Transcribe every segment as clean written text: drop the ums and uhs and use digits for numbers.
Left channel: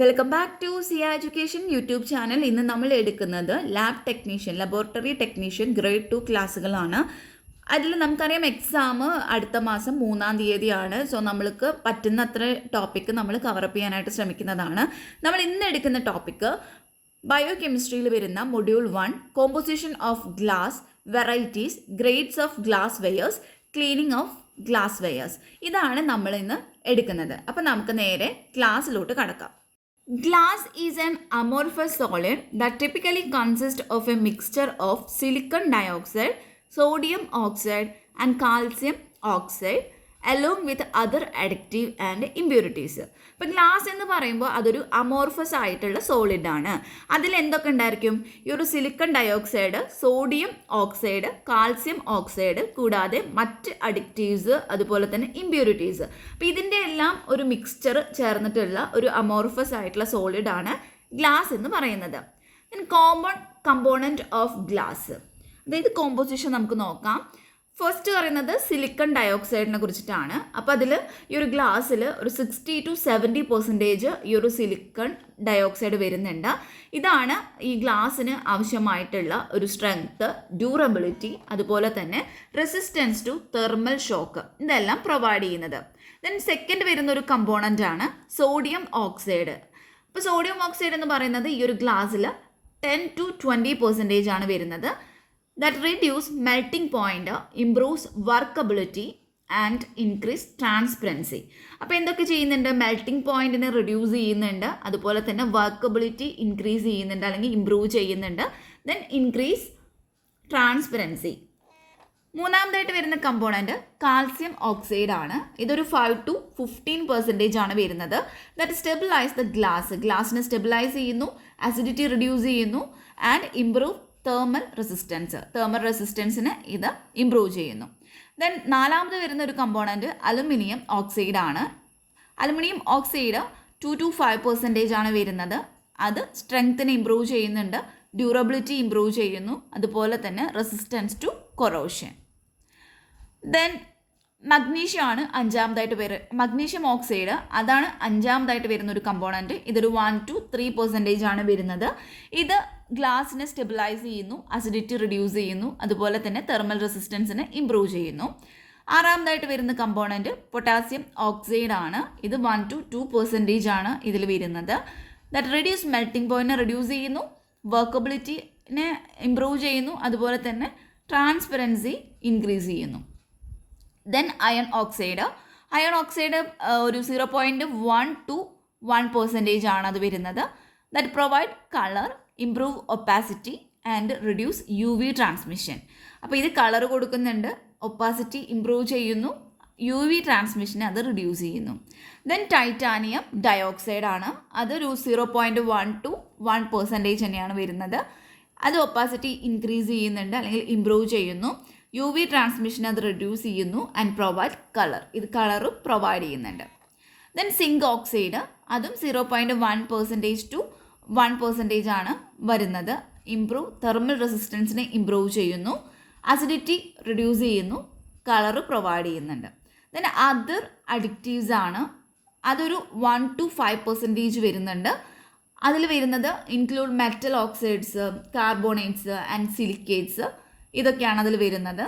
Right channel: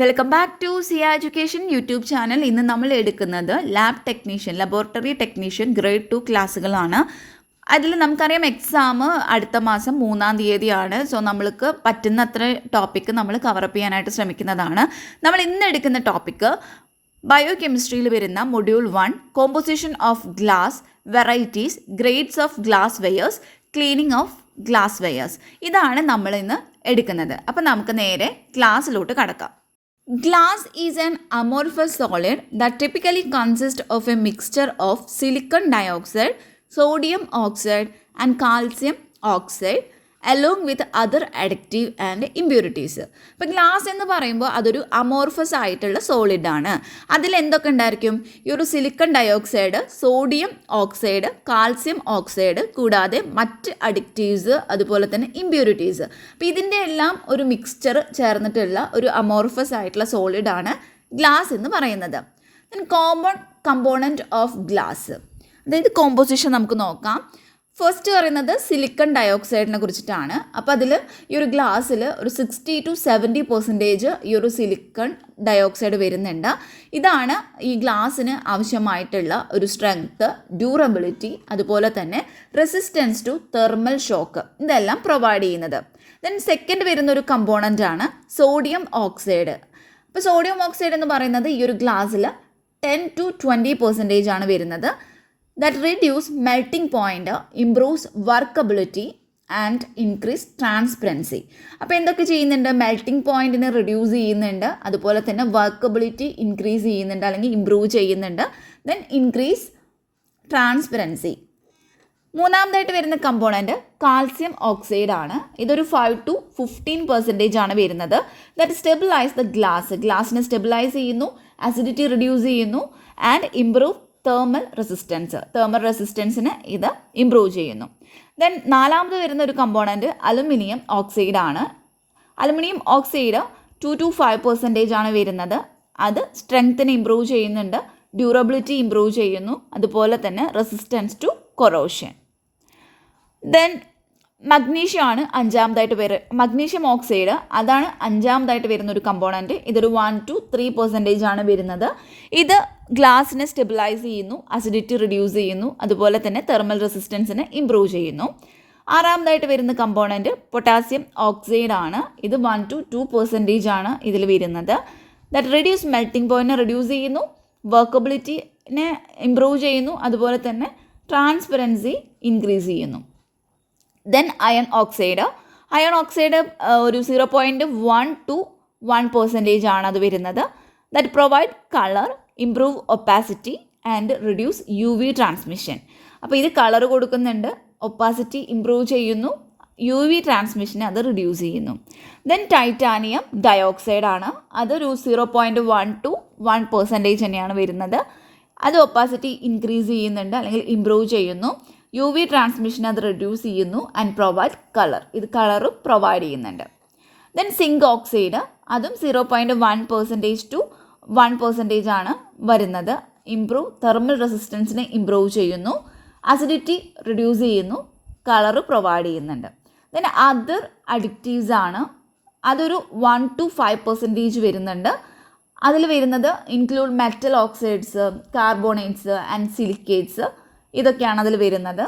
Welcome back to Siya education YouTube channel. ഇന്ന് നമ്മൾ എടുക്കുന്നത് lab technician, laboratory technician grade 2 ക്ലാസ്സുകളാണ്. അതിൽ നമുക്കറിയാം എക്സാം അടുത്ത മാസം 3-ാം തീയതിയാണ്. സോ നമ്മൾക്ക് പറ്റുന്ന അത്ര ടോപ്പിക്ക് നമ്മൾ കവറപ്പ് ചെയ്യാനായിട്ട് ശ്രമിക്കുന്നതാണ്. നമ്മൾ ഇന്ന് എടുക്കുന്ന ടോപ്പിക്ക് ബയോ കെമിസ്ട്രിയിൽ വരുന്ന module 1 composition of glass, varieties, grades of glass wares, cleaning of glass wares. ഇതാണ് നമ്മൾ ഇന്ന് എടുക്കുന്നത്. അപ്പോൾ നമുക്ക് നേരെ ക്ലാസ്സിലോട്ട് കടക്കാം. Glass is an amorphous solid that typically consists of a mixture of silicon dioxide, sodium oxide and calcium oxide along with other additive and impurities. ഇപ്പോൾ glass എന്ന് പറയുമ്പോൾ അതൊരു അമോർഫസ് ആയിട്ടുള്ള സോളിഡാണ്. അതിൽ എന്തൊക്കെ ഉണ്ടായിരിക്കും? ഈ ഒരു silicon dioxide, sodium oxide, calcium oxide, കൂടാതെ മറ്റ് അഡിക്റ്റീവ്സ്, അതുപോലെ തന്നെ ഇമ്പ്യൂരിറ്റീസ്. അപ്പോൾ ഇതിൻ്റെ എല്ലാം ഒരു മിക്സ്ചർ ചേർന്നിട്ടുള്ള ഒരു അമോർഫസ് ആയിട്ടുള്ള സോളിഡാണ് ഗ്ലാസ് എന്ന് പറയുന്നത്. കോമൺ കമ്പോണൻറ്റ് ഓഫ് ഗ്ലാസ്, അതായത് കോമ്പോസിഷൻ നമുക്ക് നോക്കാം. ഫസ്റ്റ് പറയുന്നത് സിലിക്കൺ ഡയോക്സൈഡിനെ കുറിച്ചിട്ടാണ്. അപ്പോൾ അതിൽ ഈ ഒരു ഗ്ലാസ്സിൽ ഒരു 60 to 70% ഈ ഒരു സിലിക്കൺ ഡയോക്സൈഡ് വരുന്നുണ്ട്. ഇതാണ് ഈ ഗ്ലാസ്സിന് ആവശ്യമായിട്ടുള്ള ഒരു സ്ട്രെങ്ത്ത്, ഡ്യൂറബിലിറ്റി, അതുപോലെ തന്നെ റെസിസ്റ്റൻസ് ടു തെർമൽ ഷോക്ക്, ഇതെല്ലാം പ്രൊവൈഡ് ചെയ്യുന്നത്. ദെൻ സെക്കൻഡ് വരുന്ന ഒരു കമ്പോണൻ്റ് ആണ് സോഡിയം ഓക്സൈഡ്. അപ്പോൾ സോഡിയം ഓക്സൈഡ് എന്ന് പറയുന്നത് ഈ ഒരു ഗ്ലാസ്സിൽ 10 to 20% ആണ് വരുന്നത്. That reduce melting point, improves workability and increase transparency. അപ്പോൾ എന്തൊക്കെ ചെയ്യുന്നുണ്ട്? മെൽറ്റിംഗ് പോയിന്റിനെ റിഡ്യൂസ് ചെയ്യുന്നുണ്ട്, അതുപോലെ തന്നെ വർക്കബിലിറ്റി ഇൻക്രീസ് ചെയ്യുന്നുണ്ട് അല്ലെങ്കിൽ ഇംപ്രൂവ് ചെയ്യുന്നുണ്ട്. Then increase transparency. മൂന്നാമതായിട്ട് വരുന്ന കമ്പോണൻറ്റ് കാൽസ്യം ഓക്സൈഡ് ആണ്. ഇതൊരു 5 to 15% ആണ് വരുന്നത്. ദാറ്റ് സ്റ്റെബിലൈസ് ദ ഗ്ലാസിനെ സ്റ്റെബിലൈസ് ചെയ്യുന്നു, അസിഡിറ്റി റിഡ്യൂസ് ചെയ്യുന്നു ആൻഡ് ഇംപ്രൂവ് തെർമൽ റെസിസ്റ്റൻസിന് ഇത് ഇംപ്രൂവ് ചെയ്യുന്നു. ദെൻ നാലാമത് വരുന്ന ഒരു കമ്പോണൻറ്റ് അലുമിനിയം ഓക്സൈഡ് ആണ്. അലുമിനിയം ഓക്സൈഡ് 2 to 5% ആണ് വരുന്നത്. അത് സ്ട്രെങ്ത്തിനെ ഇംപ്രൂവ് ചെയ്യുന്നുണ്ട്, ഡ്യൂറബിലിറ്റി ഇംപ്രൂവ് ചെയ്യുന്നു, അതുപോലെ തന്നെ resistance to corrosion. Then magnesium ആണ് അഞ്ചാമതായിട്ട് മഗ്നീഷ്യം ഓക്സൈഡ്, അതാണ് അഞ്ചാമതായിട്ട് വരുന്ന ഒരു കമ്പോണൻറ്റ്. ഇതൊരു 1 to 3% ആണ് വരുന്നത്. ഇത് ഗ്ലാസിനെ സ്റ്റെബിലൈസ് ചെയ്യുന്നു, അസിഡിറ്റി റിഡ്യൂസ് ചെയ്യുന്നു, അതുപോലെ തന്നെ തെർമൽ റെസിസ്റ്റൻസിനെ ഇംപ്രൂവ് ചെയ്യുന്നു. ആറാമതായിട്ട് വരുന്ന കമ്പോണൻറ്റ് പൊട്ടാസ്യം ഓക്സൈഡ് ആണ്. ഇത് 1 to 2% ആണ് ഇതിൽ വരുന്നത്. ദാറ്റ് റെഡ്യൂസ് മെൽറ്റിംഗ് പോയിൻറ്റിനെ റിഡ്യൂസ് ചെയ്യുന്നു, വർക്കബിലിറ്റിനെ ഇംപ്രൂവ് ചെയ്യുന്നു, അതുപോലെ തന്നെ ട്രാൻസ്പെറൻസി ഇൻക്രീസ് ചെയ്യുന്നു. ദെൻ അയൺ ഓക്സൈഡ് ഒരു 0.1 to 1% ആണ് അത് വരുന്നത്. That provide colour, improve opacity and reduce UV transmission. അപ്പോൾ ഇത് കളർ കൊടുക്കുന്നുണ്ട്, ഒപ്പാസിറ്റി ഇംപ്രൂവ് ചെയ്യുന്നു, UV ട്രാൻസ്മിഷനെ അത് റിഡ്യൂസ് ചെയ്യുന്നു. ദെൻ ടൈറ്റാനിയം ഡയോക്സൈഡ് ആണ്. അതൊരു 0.1 to 1% തന്നെയാണ് വരുന്നത്. അത് ഒപ്പാസിറ്റി ഇൻക്രീസ് ചെയ്യുന്നുണ്ട് അല്ലെങ്കിൽ ഇംപ്രൂവ് ചെയ്യുന്നു, UV ട്രാൻസ്മിഷൻ അത് റിഡ്യൂസ് ചെയ്യുന്നു ആൻഡ് പ്രൊവൈഡ് കളർ, ഇത് കളറും പ്രൊവൈഡ് ചെയ്യുന്നുണ്ട്. ദെൻ സിങ്ക് ഓക്സൈഡ്, അതും 0.1% to 1% ആണ് വരുന്നത്. ഇംപ്രൂവ് തെർമൽ റെസിസ്റ്റൻസിനെ ഇംപ്രൂവ് ചെയ്യുന്നു, അസിഡിറ്റി റിഡ്യൂസ് ചെയ്യുന്നു, കളറ് പ്രൊവൈഡ് ചെയ്യുന്നുണ്ട്. ദെൻ അതർ അഡിക്റ്റീവ്സ് ആണ്. അതൊരു 1 to 5% വരുന്നുണ്ട്. അതിൽ വരുന്നത് include metal oxides, carbonates and silicates, ഇതൊക്കെയാണ് അതിൽ വരുന്നത്.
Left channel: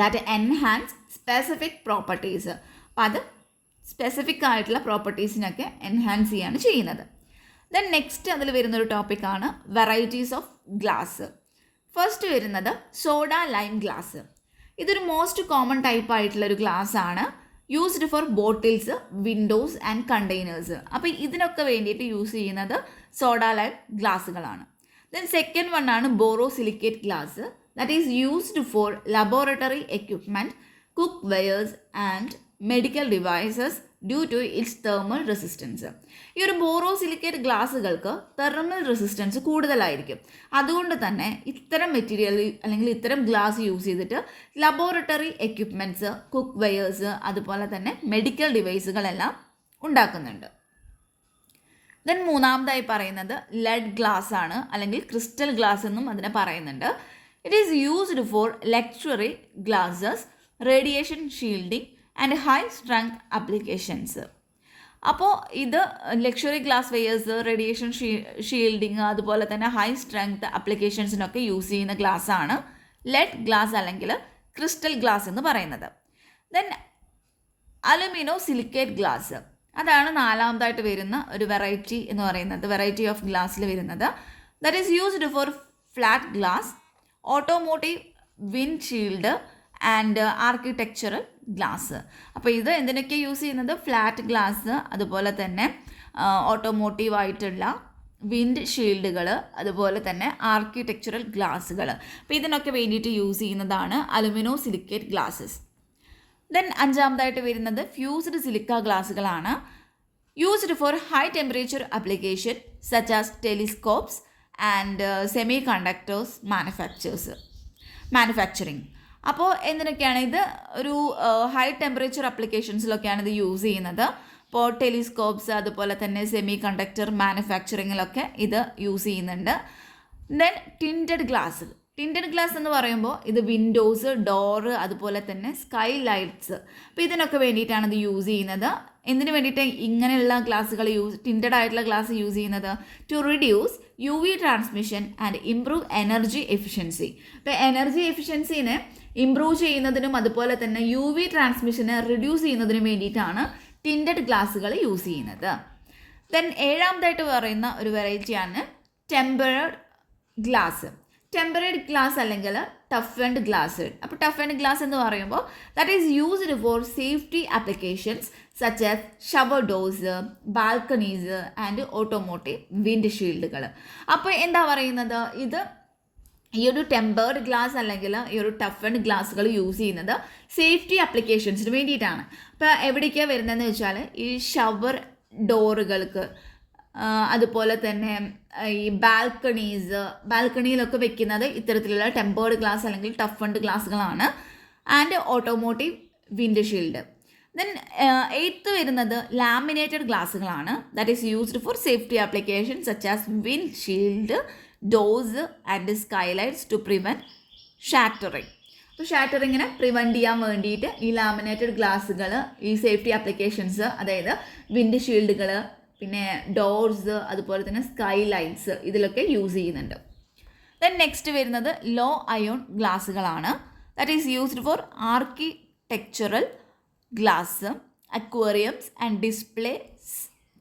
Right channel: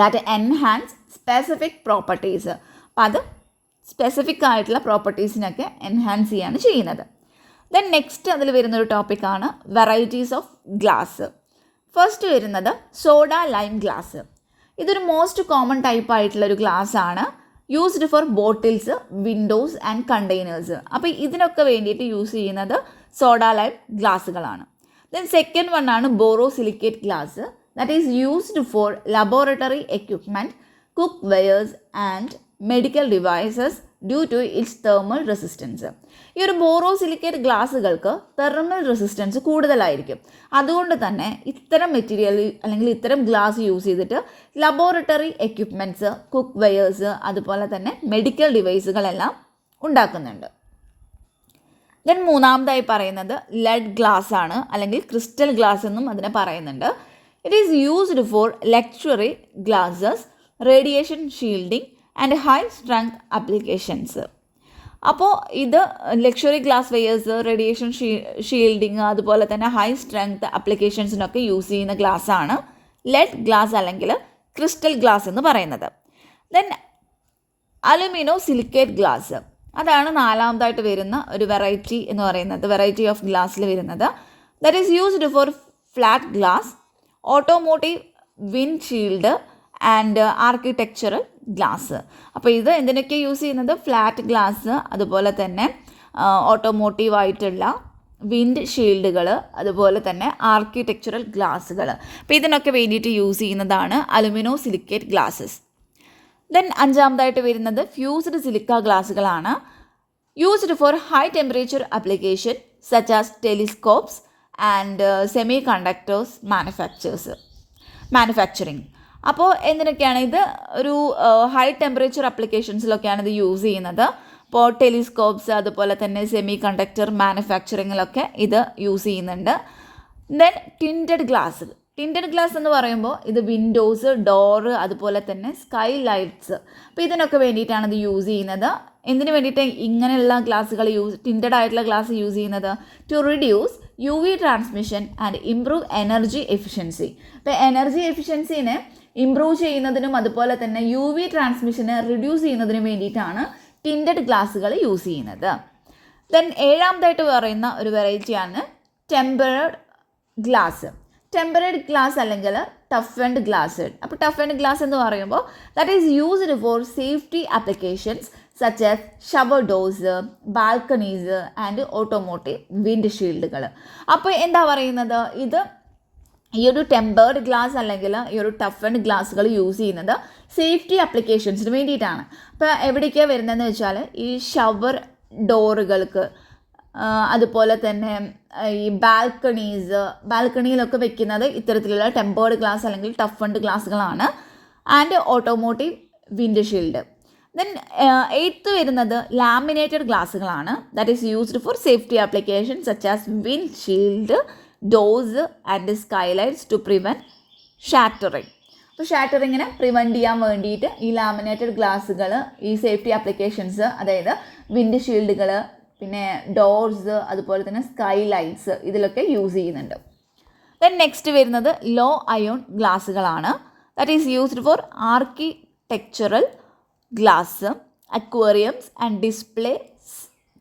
That enhance specific properties. അപ്പോൾ അത് സ്പെസിഫിക് ആയിട്ടുള്ള പ്രോപ്പർട്ടീസിനൊക്കെ എൻഹാൻസ് ചെയ്യാണ് ചെയ്യുന്നത്. ദെൻ നെക്സ്റ്റ് അതിൽ വരുന്നൊരു ടോപ്പിക്കാണ് വെറൈറ്റീസ് ഓഫ് ഗ്ലാസ്. ഫസ്റ്റ് വരുന്നത് സോഡ ലൈം ഗ്ലാസ്. ഇതൊരു മോസ്റ്റ് കോമൺ ടൈപ്പ് ആയിട്ടുള്ളൊരു ഗ്ലാസ് ആണ്. Used for bottles, windows and containers. അപ്പോൾ ഇതിനൊക്കെ വേണ്ടിയിട്ട് യൂസ് ചെയ്യുന്നത് സോഡ ലൈം ഗ്ലാസ്സുകളാണ്. ദെൻ സെക്കൻഡ് വൺ ആണ് borosilicate glass. That is used for laboratory equipment, cookwares and medical devices due to its thermal resistance. ഈ ഒരു borosilicate ഗ്ലാസ്സുകൾക്ക് thermal resistance കൂടുതലായിരിക്കും. അതുകൊണ്ട് തന്നെ ഇത്തരം മെറ്റീരിയൽ അല്ലെങ്കിൽ ഇത്തരം ഗ്ലാസ് യൂസ് ചെയ്തിട്ട് ലബോറട്ടറി എക്യുപ്മെൻറ്റ്സ്, കുക്ക് വെയേഴ്സ്, അതുപോലെ തന്നെ മെഡിക്കൽ ഡിവൈസുകളെല്ലാം ഉണ്ടാക്കുന്നുണ്ട്. ദെൻ മൂന്നാമതായി പറയുന്നത് ലെഡ് ഗ്ലാസ് ആണ്, അല്ലെങ്കിൽ ക്രിസ്റ്റൽ ഗ്ലാസ് എന്നും അതിനെ പറയുന്നുണ്ട്. It is used for luxury glasses, radiation shielding and high strength applications. അപ്പോൾ ഇത് luxury glass wares, radiation shielding, അതുപോലെ തന്നെ ഹൈ സ്ട്രെങ്ത് ആപ്ലിക്കേഷൻസിനൊക്കെ യൂസ് ചെയ്യുന്ന ഗ്ലാസ്സാണ് ലെഡ് ഗ്ലാസ് അല്ലെങ്കിൽ ക്രിസ്റ്റൽ ഗ്ലാസ് എന്ന് പറയുന്നത്. ദെൻ അലുമിനോ സിലിക്കേറ്റ് ഗ്ലാസ്, അതാണ് നാലാമതായിട്ട് വരുന്ന ഒരു വെറൈറ്റി എന്ന് പറയുന്നത്, വെറൈറ്റി ഓഫ് ഗ്ലാസ്സിൽ വരുന്നത്. That is used four flat glass, automotive wind shield and architectural glass. അപ്പോൾ ഇത് എന്തിനൊക്കെ യൂസ് ചെയ്യുന്നത്? ഫ്ലാറ്റ് ഗ്ലാസ്, അതുപോലെ തന്നെ ഓട്ടോമോട്ടീവ് ആയിട്ടുള്ള വിൻഡ് ഷീൽഡുകൾ, അതുപോലെ തന്നെ ആർക്കിടെക്ചറൽ ഗ്ലാസ്സുകൾ. അപ്പോൾ ഇതിനൊക്കെ വേണ്ടിയിട്ട് യൂസ് ചെയ്യുന്നതാണ് അലുമിനോ സിലിക്കേറ്റ് ഗ്ലാസ്സസ്. ദെൻ അഞ്ചാമതായിട്ട് വരുന്നത് ഫ്യൂസ്ഡ് സിലിക്ക ഗ്ലാസ്സുകളാണ്. Used for high temperature application such as telescopes and semiconductors manufacturing. അപ്പോൾ എന്തിനൊക്കെയാണ് ഇത്? ഒരു ഹൈ ടെമ്പറേച്ചർ ആപ്ലിക്കേഷൻസിലൊക്കെയാണ് ഇത് യൂസ് ചെയ്യുന്നത്. ഇപ്പോൾ ടെലിസ്കോപ്സ്, അതുപോലെ തന്നെ സെമി കണ്ടക്ടർ മാനുഫാക്ചറിങ്ങിലൊക്കെ ഇത് യൂസ് ചെയ്യുന്നുണ്ട്. Then tinted glass. Tinted glass എന്ന് പറയുമ്പോൾ ഇത് വിൻഡോസ്, ഡോറ്, അതുപോലെ തന്നെ സ്കൈ ലൈറ്റ്സ്, അപ്പോൾ ഇതിനൊക്കെ വേണ്ടിയിട്ടാണ് ഇത് യൂസ് ചെയ്യുന്നത്. എന്തിനു വേണ്ടിയിട്ട് ഇങ്ങനെയുള്ള ഗ്ലാസ്സുകൾ ടിൻറ്റഡ് ആയിട്ടുള്ള ഗ്ലാസ് യൂസ് ചെയ്യുന്നത്? To reduce UV transmission and improve energy efficiency. ഇപ്പോൾ എനർജി എഫിഷ്യൻസിനെ ഇംപ്രൂവ് ചെയ്യുന്നതിനും അതുപോലെ തന്നെ UV ട്രാൻസ്മിഷനെ റിഡ്യൂസ് ചെയ്യുന്നതിനും വേണ്ടിയിട്ടാണ് ടിൻറ്റഡ് ഗ്ലാസ്സുകൾ യൂസ് ചെയ്യുന്നത്. ദെൻ ഏഴാമതായിട്ട് പറയുന്ന ഒരു വെറൈറ്റിയാണ് ടെമ്പറഡ് ഗ്ലാസ്. ടെമ്പറഡ് ഗ്ലാസ് അല്ലെങ്കിൽ ടഫൻഡ് ഗ്ലാസ്. അപ്പോൾ ടഫൻഡ് ഗ്ലാസ് എന്ന് പറയുമ്പോൾ that is used for safety applications such as shower doors, balconies and automotive wind ഷീൽഡുകൾ. അപ്പോൾ എന്താ പറയുന്നത്? ഇത് ഈ ഒരു ടെമ്പേർഡ് ഗ്ലാസ് അല്ലെങ്കിൽ ഈ ഒരു ടഫൻഡ് ഗ്ലാസ്സുകൾ യൂസ് ചെയ്യുന്നത് സേഫ്റ്റി ആപ്ലിക്കേഷൻസിന് വേണ്ടിയിട്ടാണ്. അപ്പോൾ എവിടേക്കാണ് വരുന്നതെന്ന് വെച്ചാൽ ഈ ഷവർ ഡോറുകൾക്ക്, അതുപോലെ തന്നെ ഈ ബാൽക്കണിയിലൊക്കെ വെക്കുന്നത് ഇത്തരത്തിലുള്ള ടെമ്പേർഡ് ഗ്ലാസ് അല്ലെങ്കിൽ ടഫൻഡ് ഗ്ലാസ്സുകളാണ്. And automotive windshield. Then eighth വരുന്നത് ലാമിനേറ്റഡ് ഗ്ലാസ്സുകളാണ്. That is used for safety application such as windshield, doors and skylights to prevent shattering. അപ്പോൾ ഷാറ്ററിങ്ങിനെ പ്രിവെൻറ്റ് ചെയ്യാൻ വേണ്ടിയിട്ട് ഈ ലാമിനേറ്റഡ് ഗ്ലാസ്സുകൾ ഈ സേഫ്റ്റി ആപ്ലിക്കേഷൻസ്, അതായത് വിൻഡ് ഷീൽഡുകൾ, പിന്നെ ഡോർസ്, അതുപോലെ തന്നെ സ്കൈ ലൈറ്റ്സ്, ഇതിലൊക്കെ യൂസ് ചെയ്യുന്നുണ്ട്. ദെൻ നെക്സ്റ്റ് വരുന്നത് ലോ അയോൺ ഗ്ലാസ്സുകളാണ്. That is used for architectural glass, aquariums and display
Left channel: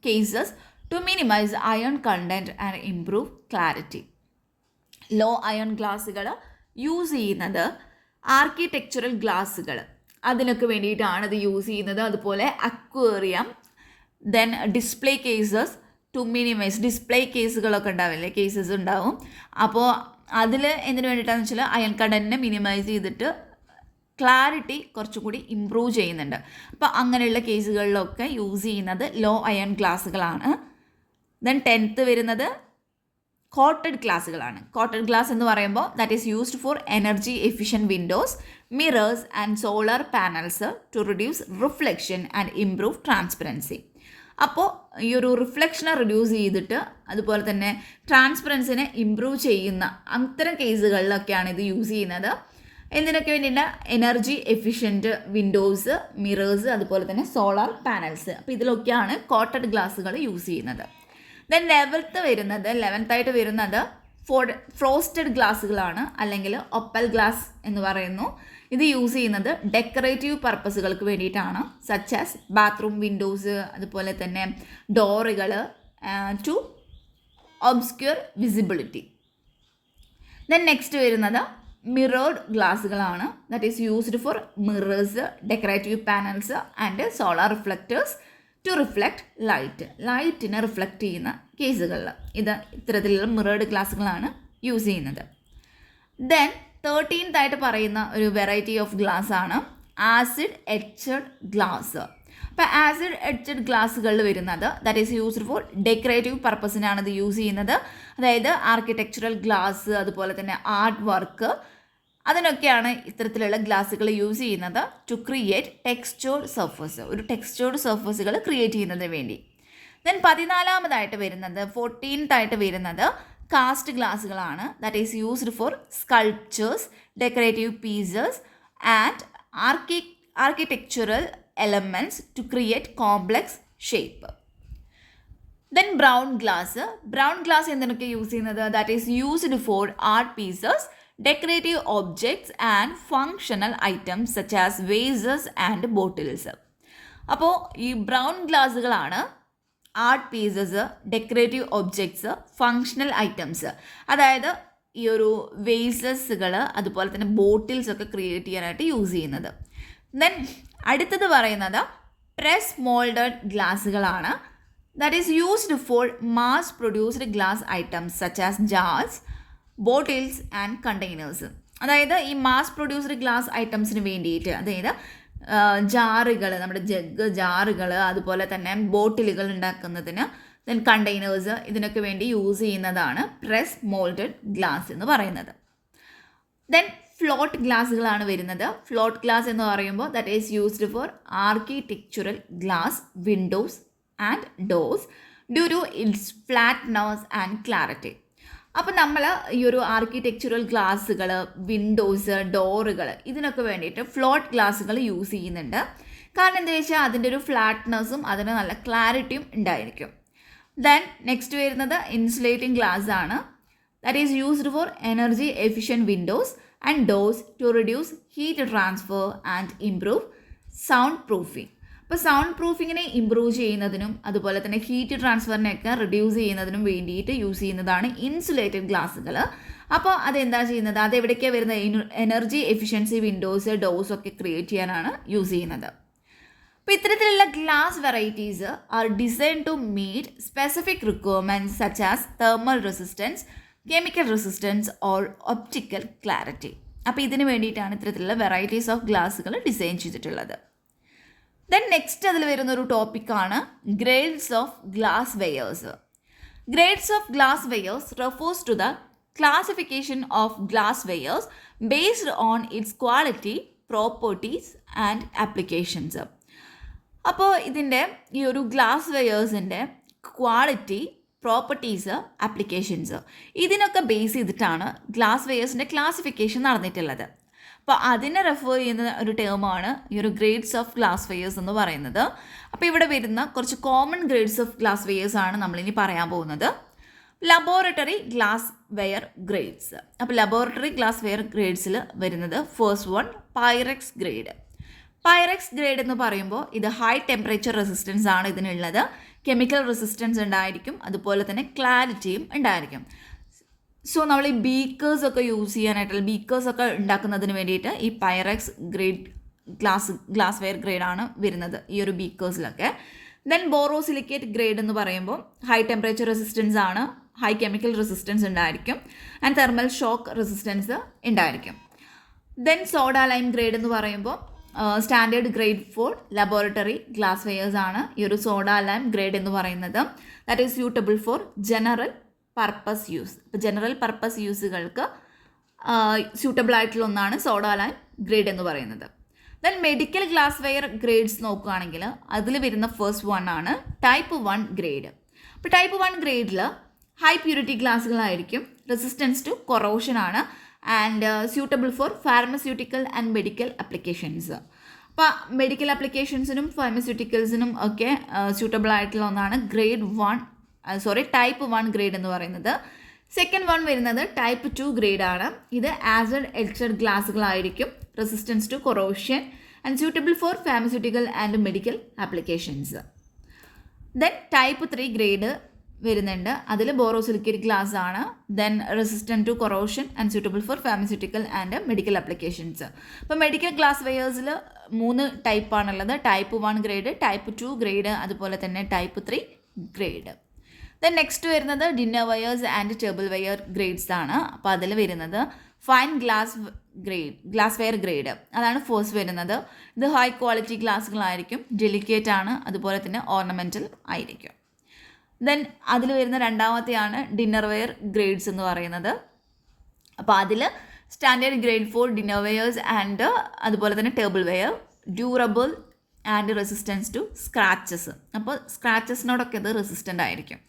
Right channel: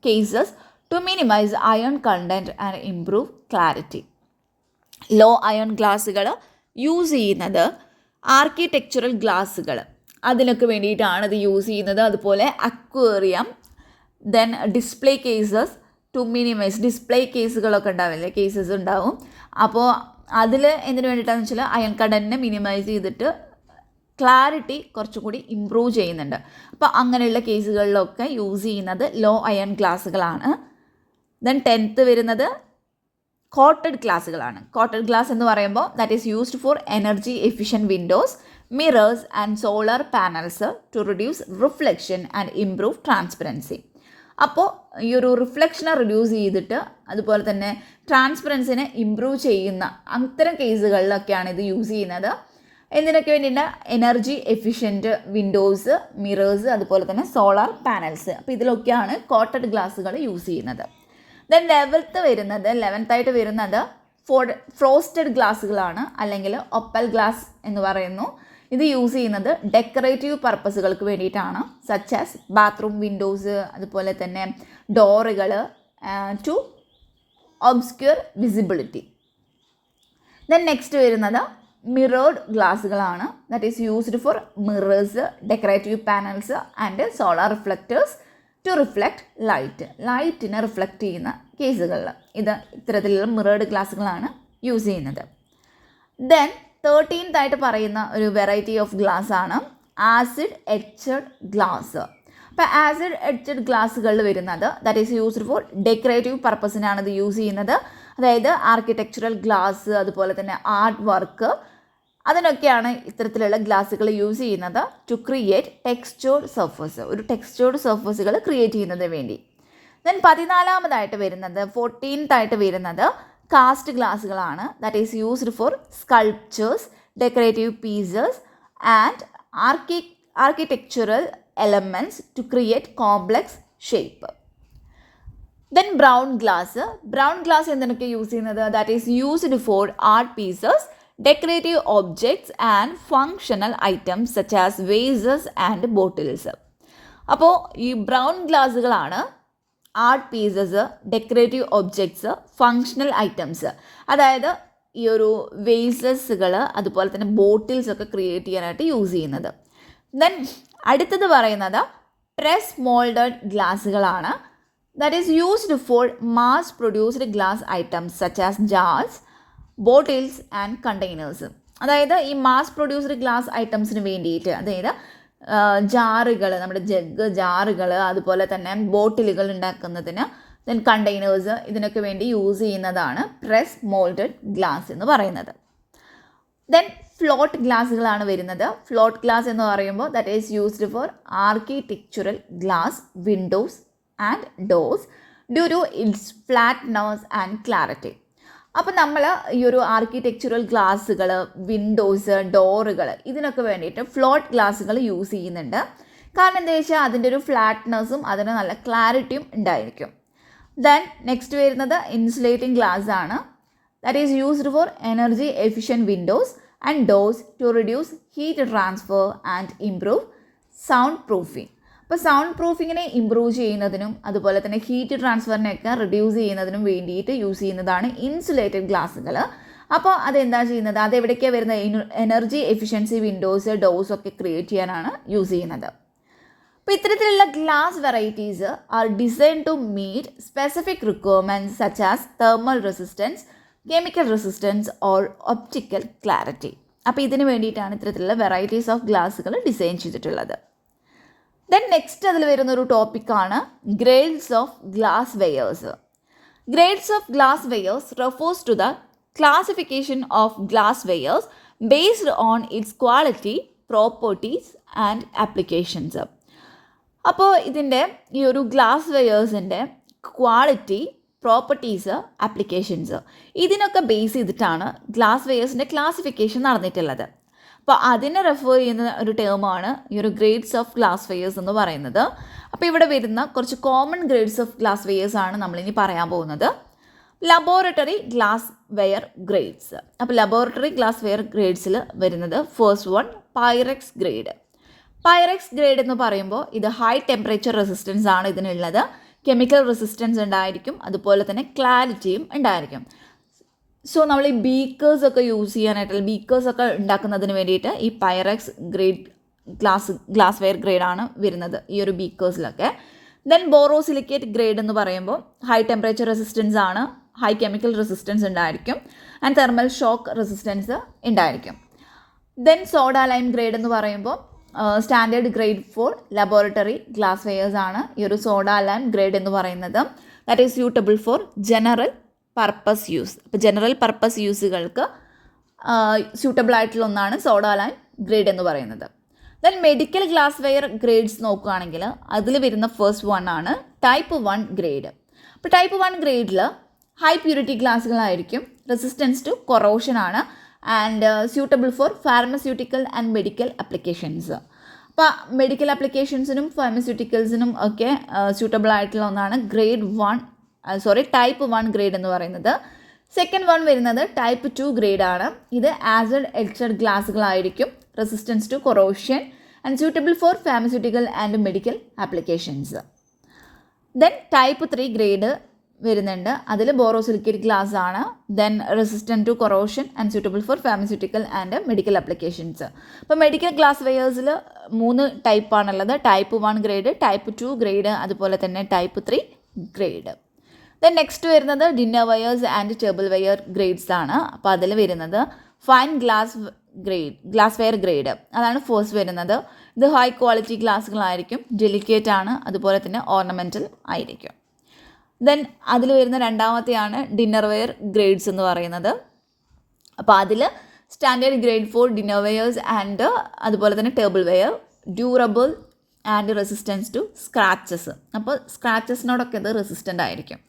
cases to minimize iron content and improve clarity. Low iron ഗ്ലാസ്സുകൾ യൂസ് ചെയ്യുന്നത് ആർക്കിടെക്ചറൽ ഗ്ലാസ്സുകൾ, അതിനൊക്കെ വേണ്ടിയിട്ടാണ് ഇത് യൂസ് ചെയ്യുന്നത്. അതുപോലെ aquarium, then display cases to minimize, display കേസുകളൊക്കെ ഉണ്ടാവില്ലേ, കേസസ് ഉണ്ടാവും. അപ്പോൾ അതിൽ എന്തിനു വേണ്ടിയിട്ടാണെന്ന് വെച്ചാൽ അയൺ കണ്ടൻറ്റിനെ മിനിമൈസ് ചെയ്തിട്ട് ക്ലാരിറ്റി കുറച്ചുകൂടി ഇമ്പ്രൂവ് ചെയ്യുന്നുണ്ട്. അപ്പോൾ അങ്ങനെയുള്ള കേസുകളിലൊക്കെ യൂസ് ചെയ്യുന്നത് ലോ അയൺ ഗ്ലാസ്സുകളാണ്. ദെൻ 10th വരുന്നത് കോട്ടഡ് ഗ്ലാസ്സുകളാണ്. കോട്ടഡ് ഗ്ലാസ് എന്ന് പറയുമ്പോൾ that is used for energy efficient Windows, mirrors and solar panels to reduce reflection and improve transparency. അപ്പോൾ ഈ ഒരു റിഫ്ലക്ഷനെ റിഡ്യൂസ് ചെയ്തിട്ട് അതുപോലെ തന്നെ ട്രാൻസ്പെറൻസിനെ ഇംപ്രൂവ് ചെയ്യുന്ന അത്തരം കേസുകളിലൊക്കെയാണ് ഇത് യൂസ് ചെയ്യുന്നത്. എന്തിനൊക്കെ വേണ്ടിയിട്ട്? എനർജി എഫിഷ്യൻറ്റ് വിൻഡോസ്, മിറേഴ്സ്, അതുപോലെ തന്നെ സോളാർ പാനൽസ്. അപ്പോൾ ഇതിലൊക്കെയാണ് കോട്ടഡ് ഗ്ലാസ്സുകൾ യൂസ് ചെയ്യുന്നത്. ദെൻ 11th വരുന്നത് ഫ്രോസ്റ്റഡ് ഗ്ലാസ്സുകളാണ്, അല്ലെങ്കിൽ ഒപ്പൽ ഗ്ലാസ് എന്ന് പറയുന്നു. ഇത് യൂസ് ചെയ്യുന്നത് ഡെക്കറേറ്റീവ് പർപ്പസുകൾക്ക് വേണ്ടിയിട്ടാണ്, സച്ച് ആസ് ബാത്റൂം വിൻഡോസ്, അതുപോലെ തന്നെ ഡോറുകൾ, to obscure visibility. Then next വരുന്നത് മിറേർഡ് ഗ്ലാസ്സുകളാണ്. That is used for mirrors, decorative panels and solar reflectors to reflect ലൈറ്റിനെ റിഫ്ലക്റ്റ് ചെയ്യുന്ന കേസുകളിൽ ഇത് ഇത്തരത്തിലുള്ള മിറേർഡ് ഗ്ലാസ്സുകളാണ് യൂസ് ചെയ്യുന്നത്. ദെൻ 13th പറയുന്ന ഒരു വെറൈറ്റി ഓഫ് ഗ്ലാസ് ആണ് ആസിഡ് എച്ചഡ് ഗ്ലാസ്. അപ്പോൾ ആസിഡ് എച്ചഡ് ഗ്ലാസ്സുകളിൽ വരുന്നത് that is used for decorative പർപ്പസിനാണ് ഇത് യൂസ് ചെയ്യുന്നത്. അതായത് ആർക്കിടെക്ചറൽ ഗ്ലാസ്, അതുപോലെ തന്നെ ആർട്ട് വർക്ക്, അതിനൊക്കെയാണ് ഇത്തരത്തിലുള്ള ഗ്ലാസ്സുകൾ യൂസ് ചെയ്യുന്നത്. ടു ക്രിയേറ്റ് ടെക്സ്ചേർഡ് സർഫസ്, ഒരു ടെക്സ്ചേർഡ് സർഫസുകൾ ക്രിയേറ്റ് ചെയ്യുന്നതിന് വേണ്ടി. ദെൻ 14th വരുന്നത് കാസ്റ്റ് ഗ്ലാസ്സുകളാണ്. That is used for sculptures, decorative pieces and architectural elements to create complex shape. Then brown glass എന്തിനൊക്കെ യൂസ് ചെയ്യുന്നത്? That is used for art pieces, decorative objects and functional items such as vases and bottles. അപ്പോൾ ഈ brown ഗ്ലാസ്സുകളാണ് art pieces, decorative objects, functional items, അതായത് ഈ ഒരു വേസസുകൾ അതുപോലെ തന്നെ ബോട്ടിൽസ് ഒക്കെ ക്രിയേറ്റ് ചെയ്യാനായിട്ട് യൂസ് ചെയ്യുന്നത്. ദെൻ അടുത്തത് പറയുന്നത് പ്രസ് മോൾഡഡ് ഗ്ലാസ്സുകളാണ്. That is used for mass produced glass items such as jars, bottles and containers. അതായത് ഈ മാസ് പ്രൊഡ്യൂസ്ഡ് ഗ്ലാസ് ഐറ്റംസിന് വേണ്ടിയിട്ട്, അതായത് ജാറുകൾ, നമ്മുടെ ജഗ് ജാറുകൾ, അതുപോലെ തന്നെ ബോട്ടിലുകൾ ഉണ്ടാക്കുന്നതിന്, ദെൻ കണ്ടെയ്നേഴ്സ്, ഇതിനൊക്കെ വേണ്ടി യൂസ് ചെയ്യുന്നതാണ് പ്രസ് മോൾഡഡ് ഗ്ലാസ് എന്ന് പറയുന്നത്. ദെൻ ഫ്ലോട്ട് ഗ്ലാസ്സുകളാണ് വരുന്നത്. ഫ്ലോട്ട് ഗ്ലാസ് എന്ന് പറയുമ്പോൾ that is used for architectural glass windows and doors due to its flatness and clarity. അപ്പോൾ നമ്മൾ ഈ ഒരു ആർക്കിടെക്ചറൽ ഗ്ലാസ്സുകൾ, വിൻഡോസ്, ഡോറുകൾ, ഇതിനൊക്കെ വേണ്ടിയിട്ട് ഫ്ലോട്ട് ഗ്ലാസ്സുകൾ യൂസ് ചെയ്യുന്നുണ്ട്. കാരണം എന്താ വെച്ചാൽ അതിൻ്റെ ഒരു ഫ്ലാറ്റ്നെസ്സും അതിന് നല്ല ക്ലാരിറ്റിയും ഉണ്ടായിരിക്കും. ദെൻ നെക്സ്റ്റ് വരുന്നത് ഇൻസുലേറ്റിംഗ് ഗ്ലാസ് ആണ്. That is used for energy efficient windows and doors to reduce heat transfer and improve sound proofing. അപ്പോൾ സൗണ്ട് പ്രൂഫിങ്ങിനെ ഇമ്പ്രൂവ് ചെയ്യുന്നതിനും അതുപോലെ തന്നെ ഹീറ്റ് ട്രാൻസ്ഫറിനെയൊക്കെ റിഡ്യൂസ് ചെയ്യുന്നതിനും വേണ്ടിയിട്ട് യൂസ് ചെയ്യുന്നതാണ് ഇൻസുലേറ്റഡ് ഗ്ലാസ്സുകൾ. അപ്പോൾ അതെന്താ ചെയ്യുന്നത്? അതെവിടേക്കാണ് വരുന്നത്? എനർജി എഫിഷ്യൻസി വിൻഡോസ്, ഡോർസ് ഒക്കെ ക്രിയേറ്റ് ചെയ്യാനാണ് യൂസ് ചെയ്യുന്നത്. അപ്പോൾ ഇത്തരത്തിലുള്ള glass varieties are design to meet specific requirements such as thermal resistance, chemical resistance or optical clarity. അപ്പോൾ ഇതിന് വേണ്ടിയിട്ടാണ് ഇത്തരത്തിലുള്ള വെറൈറ്റീസ് ഓഫ് ഗ്ലാസ്സുകൾ ഡിസൈൻ ചെയ്തിട്ടുള്ളത്. ദെൻ നെക്സ്റ്റ് അതിൽ വരുന്നൊരു ടോപ്പിക്കാണ് grades of glass wares. Grades of glass wares refers to the classification of glass wares based on its quality, properties and applications. അപ്പോൾ ഇതിൻ്റെ ഈ ഒരു ഗ്ലാസ് വെയേഴ്സിൻ്റെ ക്വാളിറ്റി, പ്രോപ്പർട്ടീസ്, ആപ്ലിക്കേഷൻസ്, ഇതിനൊക്കെ ബേസ് ചെയ്തിട്ടാണ് ഗ്ലാസ് വെയേഴ്സിൻ്റെ ക്ലാസിഫിക്കേഷൻ നടന്നിട്ടുള്ളത്. അപ്പോൾ അതിനെ റെഫർ ചെയ്യുന്ന ഒരു ടേമാണ് ഈ ഒരു ഗ്രേഡ്സ് ഓഫ് ഗ്ലാസ് വെയേഴ്സ് എന്ന് പറയുന്നത്. അപ്പോൾ ഇവിടെ വരുന്ന കുറച്ച് common grades of glass wares ആണ് നമ്മളിനി പറയാൻ പോകുന്നത്. Laboratory glass ware grades. അപ്പോൾ ലബോറട്ടറി ഗ്ലാസ് വെയർ ഗ്രേഡ്സിൽ വരുന്നത് first one Pyrex grade. Pyrex grade എന്ന് പറയുമ്പോൾ ഇത് ഹൈ ടെമ്പറേച്ചർ റെസിസ്റ്റൻസ് ആണ് ഇതിനുള്ളത്. കെമിക്കൽ റെസിസ്റ്റൻസ് ഉണ്ടായിരിക്കും, അതുപോലെ തന്നെ ക്ലാരിറ്റിയും ഉണ്ടായിരിക്കും. സോ നമ്മൾ ഈ ബീക്കേഴ്സൊക്കെ യൂസ് ചെയ്യാനായിട്ടുള്ള ബീക്കേഴ്സൊക്കെ ഉണ്ടാക്കുന്നതിന് വേണ്ടിയിട്ട് ഈ പൈറക്സ് ഗ്രേഡ് ഗ്ലാസ് വെയർ ഗ്രേഡാണ് വരുന്നത് ഈ ഒരു ബീക്കേഴ്സിലൊക്കെ. ദെൻ ബോറോസിലിക്കേറ്റ് ഗ്രേഡ് എന്ന് പറയുമ്പോൾ ഹൈ ടെമ്പറേച്ചർ റെസിസ്റ്റൻസ് ആണ്, ഹൈ കെമിക്കൽ റെസിസ്റ്റൻസ് ഉണ്ടായിരിക്കും ആൻഡ് തെർമൽ ഷോക്ക് റെസിസ്റ്റൻസ് ഉണ്ടായിരിക്കും. ദെൻ സോഡ ലൈം ഗ്രേഡ് എന്ന് പറയുമ്പോൾ standard grade for laboratory glass wares ആണ് ഈ ഒരു സോഡ ലൈം ഗ്രേഡ് എന്ന് പറയുന്നത്. That is suitable for general purpose use. ഇപ്പോൾ ജനറൽ പർപ്പസ് യൂസുകൾക്ക് സ്യൂട്ടബിൾ ആയിട്ടുള്ള ഒന്നാണ് സോഡ ലൈം ഗ്രേഡ് എന്ന് പറയുന്നത്. Then medical glass ware grades നോക്കുകയാണെങ്കിൽ അതിൽ വരുന്ന ഫസ്റ്റ് വൺ ആണ് ടൈപ്പ് 1 ഗ്രേഡ്. അപ്പോൾ ടൈപ്പ് 1 ഗ്രേഡിൽ ഹൈ പ്യൂരിറ്റി ഗ്ലാസ്സുകളായിരിക്കും, റെസിസ്റ്റൻസ് ടു കൊറോഷൻ ആണ് and suitable for pharmaceutical and medical applications. അപ്പോൾ മെഡിക്കൽ ആപ്ലിക്കേഷൻസിനും ഫാർമസ്യൂട്ടിക്കൽസിനും ഒക്കെ സ്യൂട്ടബിൾ ആയിട്ടുള്ള ഒന്നാണ് ടൈപ്പ് 1 ഗ്രേഡ് എന്ന് പറയുന്നത്. സെക്കൻഡ് വൺ വരുന്നത് ടൈപ്പ് 2 ഗ്രേഡ് ആണ്. ഇത് ആസിഡ് എച്ചഡ് ഗ്ലാസ്സുകളായിരിക്കും, resistance to corrosion and suitable for pharmaceutical and medical applications. Then type 3 grade വരുന്നുണ്ട്. അതിൽ ബോറോസിലിക്കേറ്റ് ഗ്ലാസ് ആണ്. Then resistant to corrosion and suitable for pharmaceutical and medical applications. അപ്പോൾ medical glass വെയേഴ്സിൽ 3 ടൈപ്പാണുള്ളത്. Type 1 grade, type 2 grade, അതുപോലെ തന്നെ type 3 grade. Then next വരുന്നത് dinner wares and table ware grades ആണ്. അപ്പോൾ അതിൽ വരുന്നത് ഫൈൻ ഗ്ലാസ് വെയർ ഗ്രേഡ്, അതാണ് ഫസ്റ്റ് വരുന്നത്. ഇത് ഹൈ ക്വാളിറ്റി ഗ്ലാസ്സുകളായിരിക്കും, ഡെലിക്കേറ്റ് ആണ്, അതുപോലെ തന്നെ ഓർണമെൻറ്റൽ ആയിരിക്കും. ദെൻ അതിൽ വരുന്ന രണ്ടാമത്തെയാണ് ഡിന്നർ വെയർ ഗ്രേഡ്സ് എന്ന് പറയുന്നത്. അപ്പോൾ അതിൽ standard grade for dinner wares and അതുപോലെ തന്നെ table ware, durable and resistance to scratches. അപ്പോൾ സ്ക്രാച്ചസിനോടൊക്കെ ഇത് റെസിസ്റ്റൻ്റ് ആയിരിക്കും.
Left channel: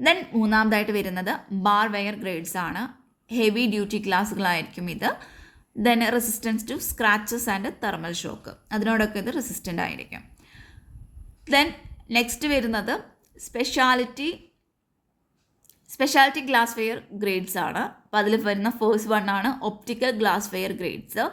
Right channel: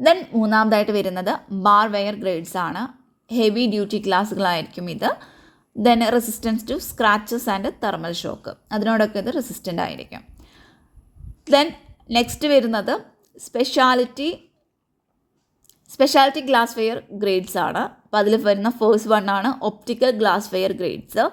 ദെൻ മൂന്നാമതായിട്ട് വരുന്നത് ബാർ വെയർ ഗ്രേഡ്സ് ആണ്. ഹെവി ഡ്യൂട്ടി ഗ്ലാസ്സുകളായിരിക്കും ഇത്. Then resistance to scratches and thermal shock, അതിനോടൊക്കെ ഇത് റെസിസ്റ്റൻ്റ് ആയിരിക്കും. ദെൻ നെക്സ്റ്റ് വരുന്നത് സ്പെഷ്യാലിറ്റി ഗ്ലാസ് വെയർ ഗ്രേഡ്സ് ആണ്. അപ്പോൾ അതിൽ വരുന്ന ഫേസ്റ്റ് വൺ ആണ് ഒപ്റ്റിക്കൽ ഗ്ലാസ് വെയർ ഗ്രേഡ്സ്.